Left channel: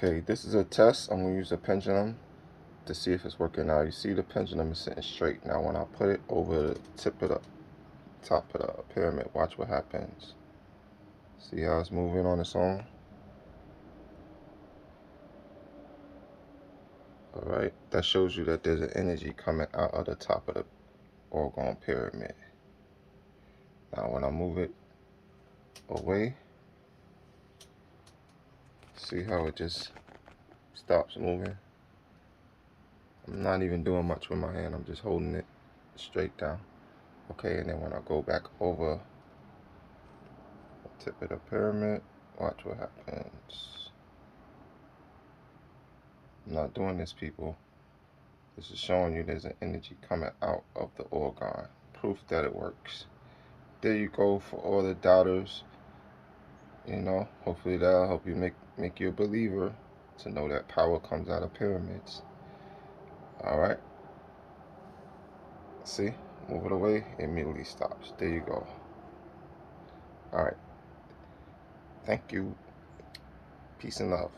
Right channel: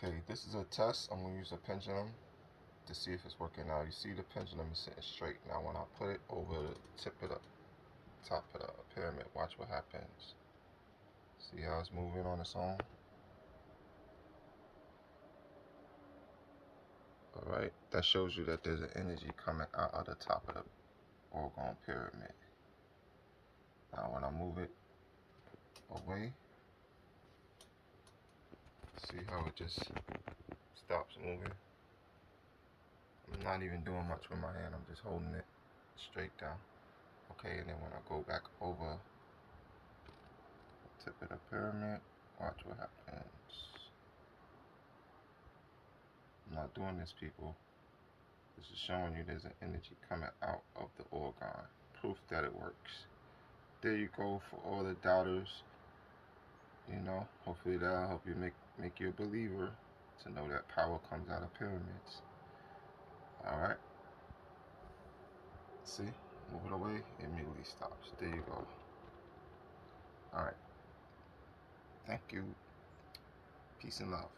Okay, this is a test. I'm going to use a pendulum to see if it's working now. You see the pendulum is sitting straight. Now when I put it over the tip of the top of the pyramid, watch what happens. See how it's moving on its own? Alright, that shows you that there's an energy coming out of the top of the Orgone pyramid. Now when I move it away, see how it just stops moving? I'm not even doing much with my hand, I'm just holding it straight down. Okay, and then when I go back over the tip of the pyramid, watch what happens. I'm not doing this, people. This is showing you there's an energy coming out of the Orgone. Proof that it works. There you go for all the doubters. You know, hopefully that'll help you make you a believer to know that power comes out of pyramids. Alright. See? Move it away, it immediately stops. There you go. Alright. Thank you. Peace and love.